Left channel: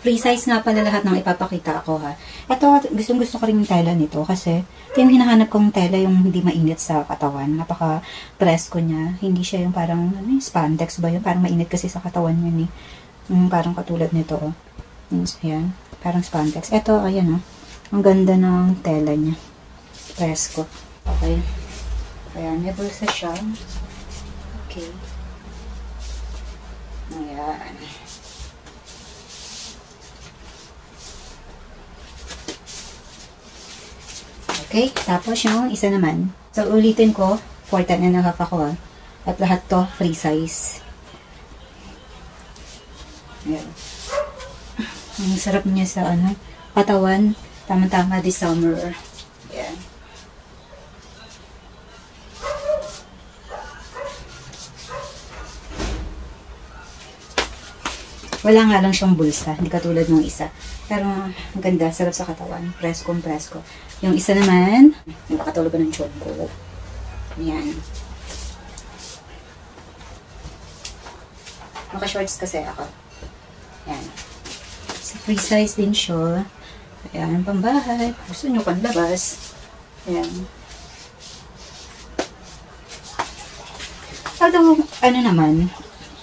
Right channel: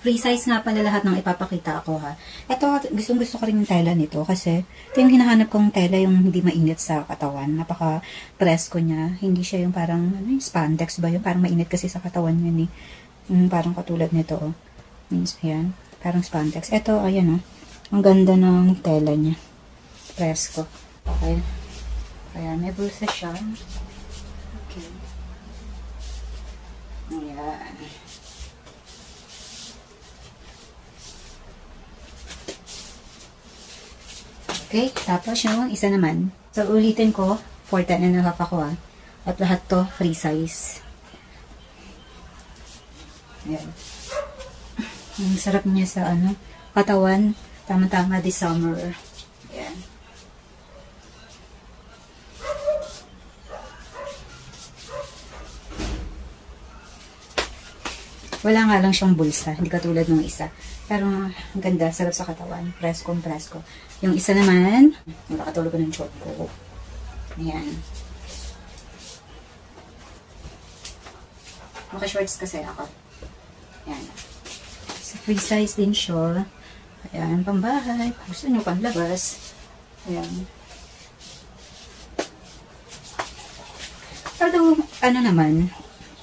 Free size nga pala lahat ng ipapakita ko ha. Ito, gustong-gusto ko rin yung tela nito kasi ito yung hinahanap kong tela, yung hindi mainit sa katawan. Napaka-presko niya. Hindi siya yung parang spandex ba yun? Parang mainit kasi sa katawan niya eh. Parang katulad nito. Oh. Ayan. Parang spandex. Ito, ayan oh. Ang ganda ng tela niya. Presko. Okay. Ayan, may bulsa siya. Okay. Ayan. Okay, tapos yung isa naman. So, ulitin ko, 4.5 ako At lahat to, free size. Ayan. Ang sarap niya sa katawan. Tama-tama this summer. Ayan. Wala nga lang siyang bulsa. Hindi katulad ng isa. Pero, ang ganda. Sarap sa katawan. Presko. Yung isa naman, nakakatulog ko ng chon ko. Ayan. Maka-shorts kasi ako. Ayan. So, free size din siya. Ayan, pambahay. Gusto nyo kang labas. Ayan. Although, naman,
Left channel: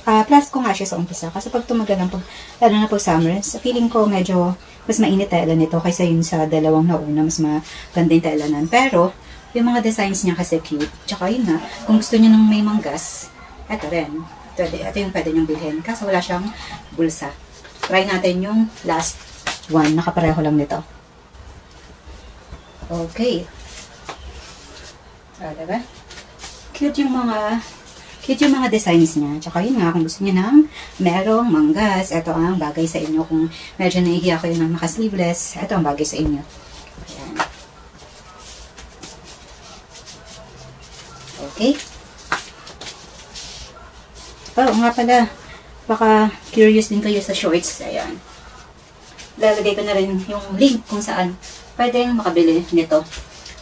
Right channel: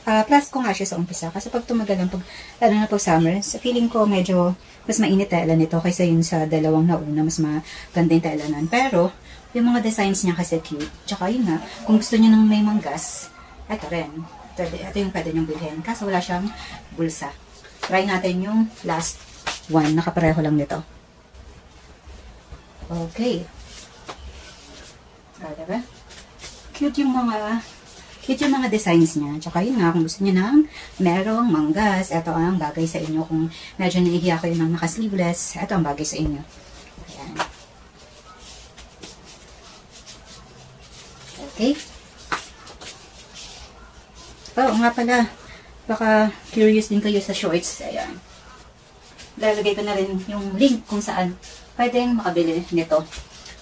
plus ko nga siya sa umpisa. Kasi pag tumagal lang, lalo na pag summer, sa feeling ko medyo mas mainit tela nito kaysa yun sa dalawang nauna. Mas maganda yung tela nun. Pero, yung mga designs niya kasi cute. Tsaka yun na, kung gusto niyo ng may manggas, ito rin. Ito yung pwede niyong bilhin. Kaso wala siyang bulsa. Try natin yung last one. Nakapareho lang nito. Okay. Diba? Cute yung mga designs niya. Tsaka yun nga, kung gusto niyo ng merong manggas, ito ang bagay sa inyo. Kung medyo nahihiya kayo ng naka-sleeveless, ito ang bagay sa inyo. Ayan. Okay. Oh, nga pala, baka curious din kayo sa shorts. Ayan. Lalagay ko na rin yung link kung saan pwedeng makabili nito.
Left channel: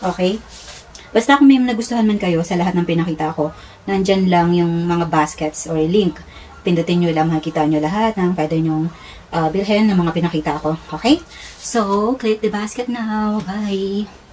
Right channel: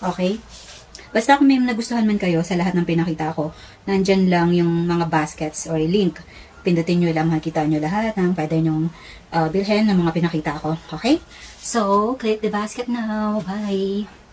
Okay? Basta kung may nagustuhan man kayo sa lahat ng pinakita ko, nandyan lang yung mga baskets or link. Pindutin nyo lang, makikita nyo lahat ng pwede nyong bilhin ng mga pinakita ko. Okay? So, click the basket now. Bye!